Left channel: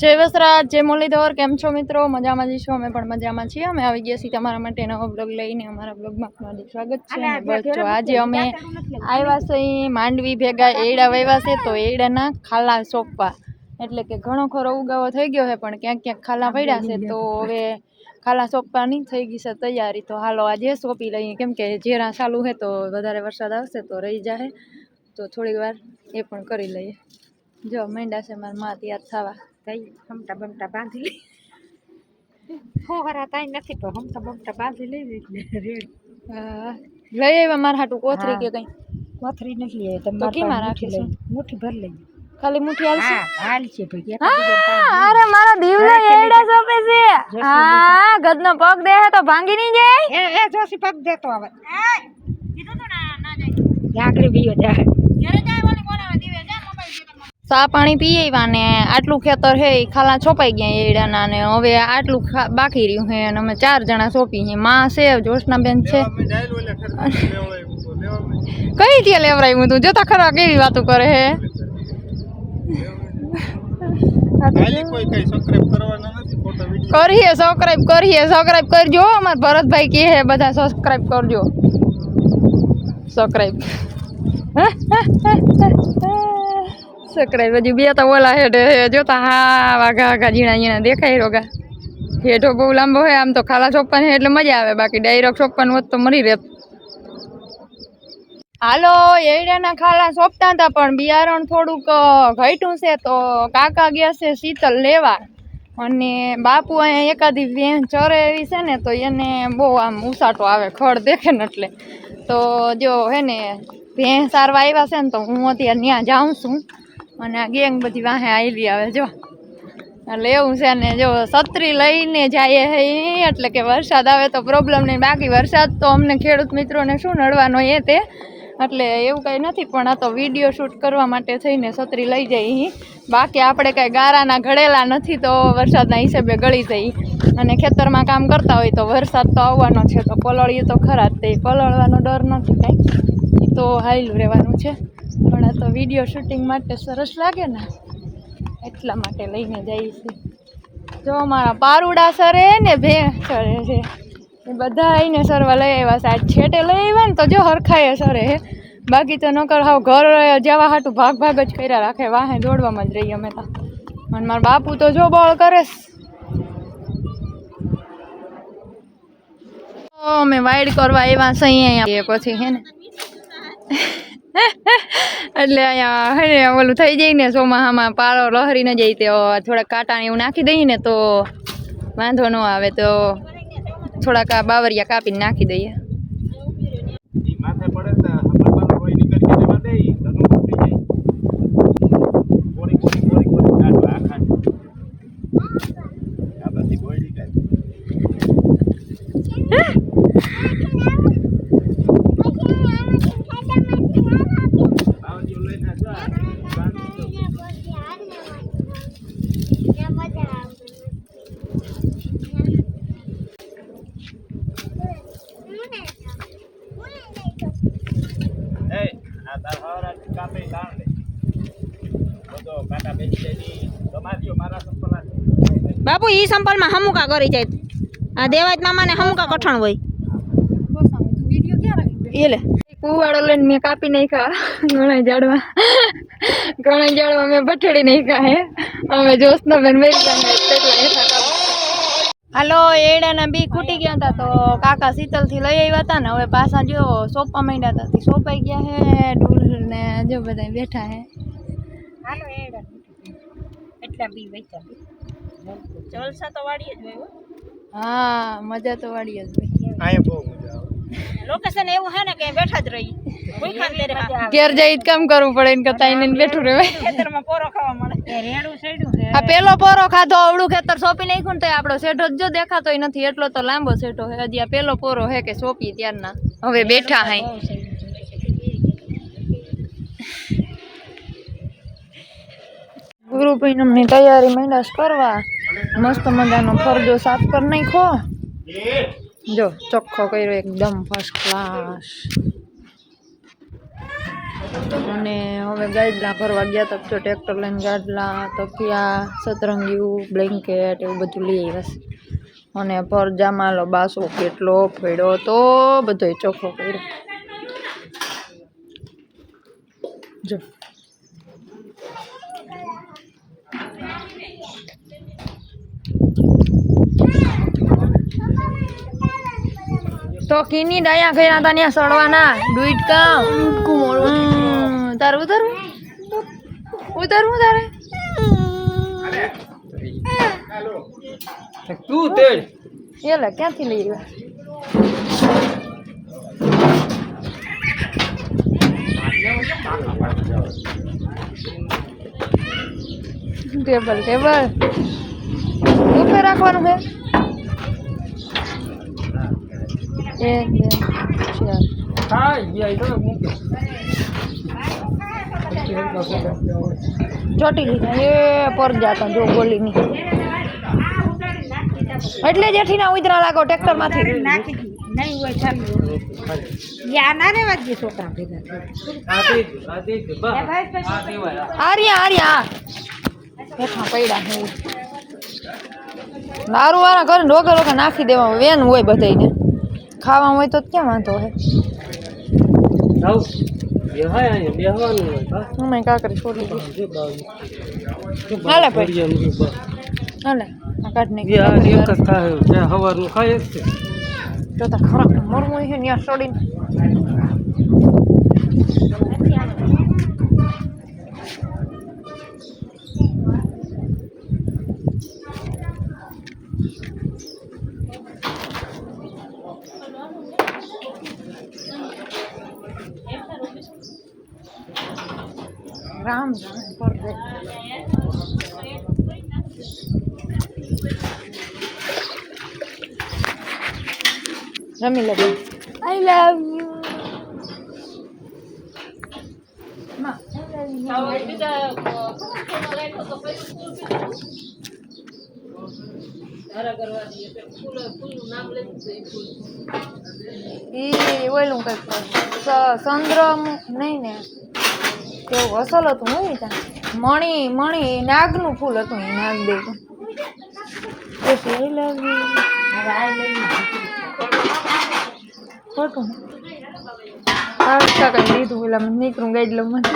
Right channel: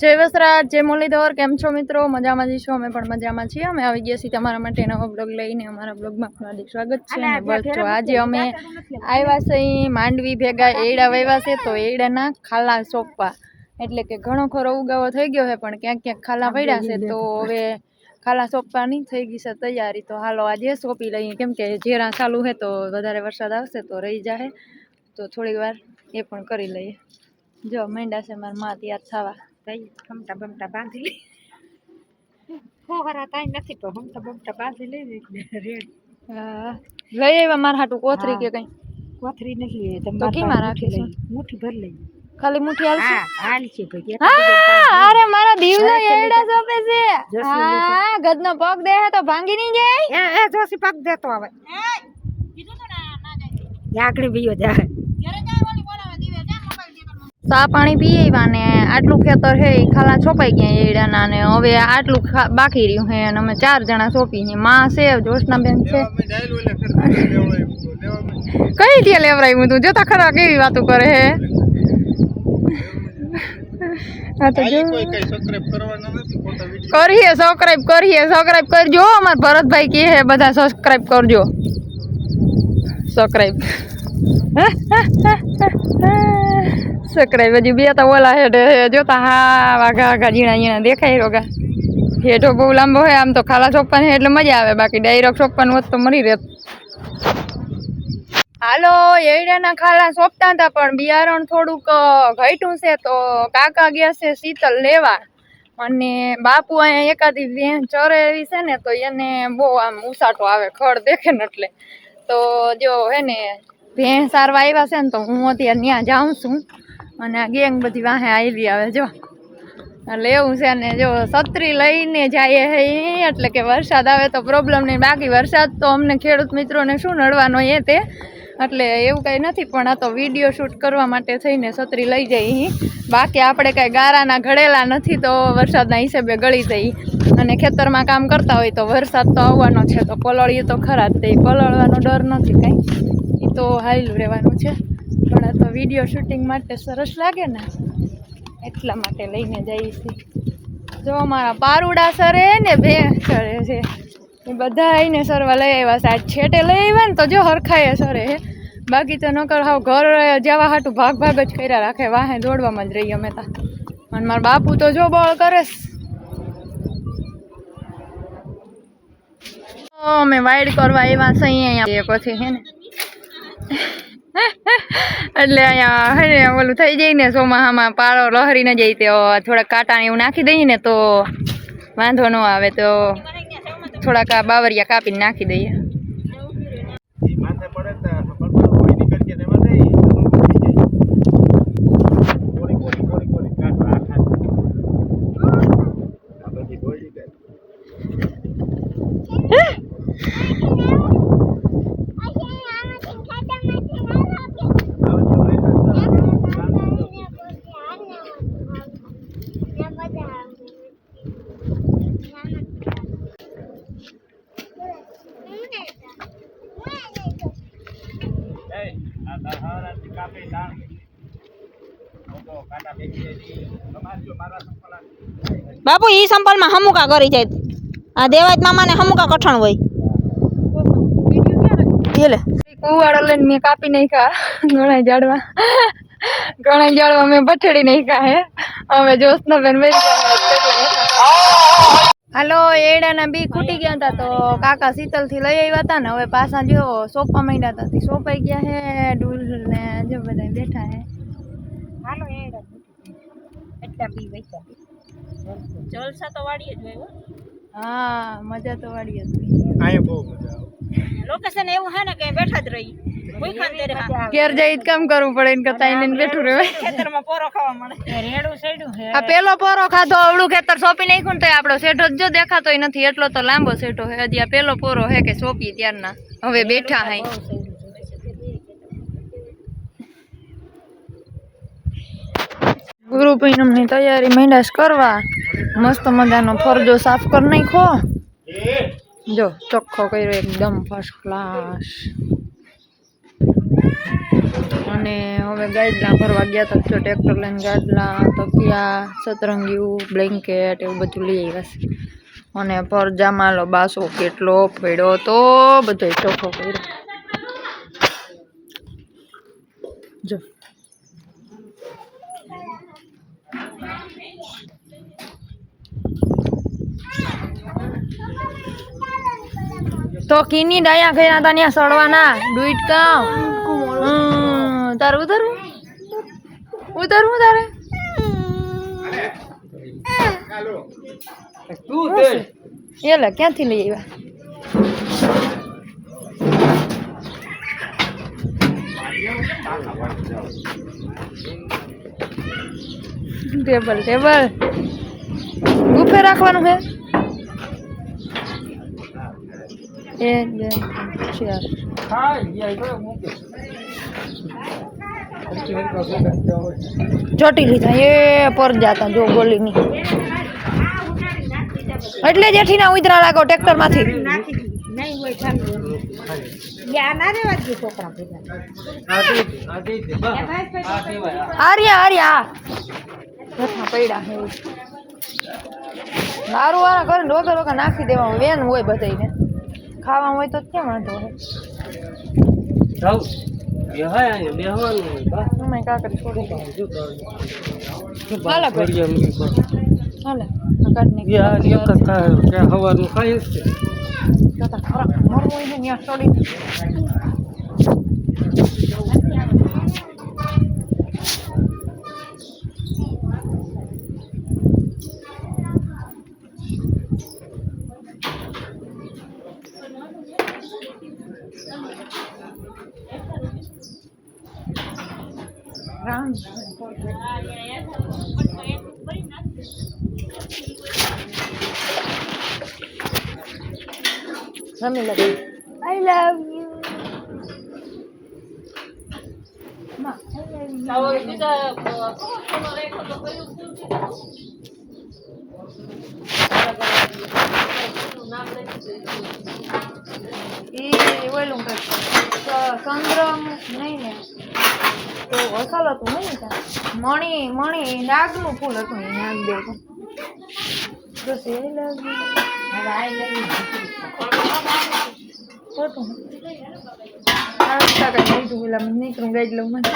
જય વસરાજ જય મુરલીધર કેમ છો મિત્રો? મજામાં જ છો? અમે પણ મજામાં છીએ. અમે આવી ગયા છીએ તમારા માટે નવો બ્લોગ લઈને. અમારા બ્લોગમાં હાર્દિક સ્વાગત છે. અને બસ જો આજે અમે આવ્યા છે અહીં માંડવી ભેગા એડા વાવ્યા છે તો એડાના ખાલા સોંપવા. એટલે કે ઘણો ખરો ઉગાવો થઈ ગયો છે પણ ક્યાંક ક્યાંક ખાલા પડ્યા છે. તો હવે ખાલા સોંપવાની થઈ ગઈ છે તૈયારી. તો હાલો આજે સોંપી લઈએ. કેમ કે જેરા ચાલુ છે તો વધારે વરસાદ આવશે તો રહી જાય તો થોડીક વાર એ પણ કરી લઈએ. જો મેંડા છે મારા માં તૈયાર થવા. તઈ હમટા બમતા બાંધી લઈ. હોહરા તાઈ નથી તો હમટા બમતા બાંધી લઈ એટલે રેડ. લઈ આવ્યા મારા હાટું કોથરી કે કઈ? કોથરી નથી લે તો કેમાં રાખીશું? મુઠ્ઠી ભર લઈ. ખાલી મુઠ્ઠી હાલશે? હા હાલ ભાઈ અરે મારા દીવલો એડા સોંપે છે. હા ગદનો પગ દે તો ભાંગી નહીં જાય? એ એ જોશી પગ દેતો જાય. લાકડી બીયો જાય સા પાણી પી આવ્યા ને આટલું ખેતર છે એ ખાલા છોપાઈ ગયા એડાના ને હવે આટલું ખા- બાકી રહ્યું છે અને અમે ચાર જણા સોંપી છે માં છે જોશનાબેન છે. કઈ ત્યાં લેવરાયું તું? જોતા ખરા કેવી વાતો કરે હે. હા તો જો. કરીએ સબસ્ક્રાઇબ કરીએ સબસ્ક્રાઇબ કરજો અમારા ભરતભાઈ કહે છે બધા સબસ્ક્રાઇબ કરજો. સબસ્ક્રાઇબ સબસ્ક્રાઇબ હજી બે તો ઓલા હેઠે જોતા હા, વાઘા વાઘા, ઝીણા ઝીણા દેખાય રોગા હેઠો બહુ લાંબો હોય આમ તો ખાલા ચોપ્પાને એટલે મજા આવે, બાકી ડાયરેક્ટ ચોપ્પાનું હોત તો મરી રહેત હાલો એરિયાના ખાલા સોંપતા હતા, પણ બિયારણ થોડુંક ઘટ્યું છે તો કાકા ગયા છે શીતલ લેવા. અને બાપુ અહીંયા એકાદી વેણ ચરે એવી છે ને, તો એને બહુ આમ ઉસાટો આવે, ખડ દેખે ને એટલે. તો જો, હે ને ભેં સારવા આવ્યા છે ને, તો હું અત્યારે ત્યાં જાઉં છું. અને આ ગેંગ બધી વાહે આવી આવે, જો. એટલે એવું છે ને, જો, છત્રી લઈને જાય હે એટલે કે વરસાદ આવે તો પ્રોબ્લેમ નહીં. બાકી વરસાદ તો અમને ખેડૂત મિત્રોને શું નડવાનો એ તે. એટલે એવું કંઈ નથી, પણ આ તો વીડિયો શૂટ કરવા માટે થઈને છત્રી લઈ અહીં બાકી આપણે કાંઈ ગારાના ઘડેલા નથી તો વરસાદના હિસાબે ગળી જઈ અને ખેતરમાં કામ કરતા હોય તો વરસાદ તો આવવાનો છે, તો પલળીએ તો ખરા જ તે. પલળવાનો ડર નથી કાંઈ. એ તો હાયલું રહેવાનું છે. પણ તો વીડિયો શૂટિંગ માટે સરસ લાગે ને. એટલા માટે લઈને જઈએ છીએ જો અમારા પારુડા સરે ને ભે સરે છે. એ બધા આવીને સરવા લઈ આવ્યા છે. છેટે લઈ આવ્યા ને તો જો હરખાય સરે બાકી તો નકર હાવ ઘર જવા હાટું ભાગ ભાગ જ કર્યા રાખે. વાહે દોડવામાં જ રહીએ અમે તા. અને મારા બાપુ તો જો બળ કરસ અમે વાઈડ કરવા આવ્યા છે અહીંયા. પછી હે ને એટલે અહીંયા, હે ઓલું થઈ જાય ને ચોમાસામાં પાળો લહરી ન જાય તો થોડાક કાંટા એવું નાખી દઈએ ને તો વાંધો ન આવે તો થોડાક આ બાવરિયા કાપીને નાખી દઈએ. બાપુ, ઈ સંપલમાં હમુકા કરી જાય. આ દેવાજ મામાને હમુકા કઠણ હોય. એટલે કુવાડો લઈને મેં કાપી નાખ્યા. ઘણા ઝાડવા ઘણા ઝાડવા મેં બઠેડી નાખ્યા હે. અમે જોશના બેન હાલો એડાના બી ખૂટી ગયા હતા તો કાકા શીતલથી લઈ આવ્યા હતા ને હવે પાછા જો સોપા માંડ્યા હતા. સોપાઈ ગયા હે ડૂલ ને જો બધા બેઠા હે. હાલો એડા એટલા બી વેચા જલસા તો વાડીએ જ હોય હા. મજા તો વાળી જ લોકેશન એવું હે ને કે બેઠા જ રહી. કોઈ ખાન તેરે હા ઘેર જઈ જ કામ કરવું પડે ને કરતા એને બેઠું રહેવાય. ખેતરમાં પોરો ખાવા મળે. રેડું સેડું હે આ પેલો પોરો ખાધો અવળું ખેતર સોંપી નાખ્યું ને તો આપણો શેઠો જ જો દેખાતોય નથી એટલો તો લાંબો શેઠો હે હજી આ પેલો પોરો હે કે સોંપી ત્યારના. હવે બેઠા હે ગુરુ પૂનમની તૈયારી માંડ્યા કરવા. મસ્ત મજાનો ફરજો સાફ કરી નાખો જો, ચોખ્ખો કર્યો એકદમ ફર્સ્ટ ક્લાસ અને હવે ગાડલા ભરવા ગયા હતા. જો ટ્રેક્ટર લઈને ગાડલા તકિયા સતરંગીયું બ્લેન્કેટ એવું બધું લઈ આવ્યા છે. અને પરજામાલો બાસો કેટલો પડ્યો તો બધો ચોખ્ખો કર્યો. જો. તો કીની દયા ગયા હતા ત્યાં સડવાના ડુઈટ કામ. તારે ઉતરવું? ઉતારવું તારે? તું તે. ક્યાંથી લઈ આવ્યા? ટેબલ ટેબલ ઉપર રાખવાનું છે? એક બે ચાર હોય. ચોટી લીધા એ પર જાતા જો ગોલીની એટલે જેઠીના ઉતરા લાગો ટ્રેક્ટરમાંથી. નાખી નહીં હોય ના છોકરા ભેગા. આર્યા આર્યા. રથા પડ્યા હે. દારૂ વાળા ઘરે રોકે રોકે નાખી દેવા વેન હોય બધાયને. ખાવા હોય તો ક્યાં વાંધો હોય જાઉં. બેહાય અહીંયા, બેહવાનું હોય, બા. અમે કાકરી છોડી દે જો બાજુ. જો હાલે બાજુ ભાઈ. ફળિયામાં ગયું, બા. હાલે આ કાઢ એ આ એક જ નાખી ખાય, ત્યાં સવારનું ખાય જ છે. તો તાર ખોરાક મળવું હોય છે ને ત્યાં છોડી રામ રામ પર રમી લે આઈ લવ યુ માં આઈ લવ યુ ઈ ઓલું કંઈક સ- ચંદ્રમ નહીં ને એવું અસલ હતું નહીં ત્યાં. મણી મણી, નાગનું ફૂલ હતું એ નાગ દે પછી આઈ લવ આ ખોટું. કંઈ લીધું પેલા નીકળું ગઈ લઉં મને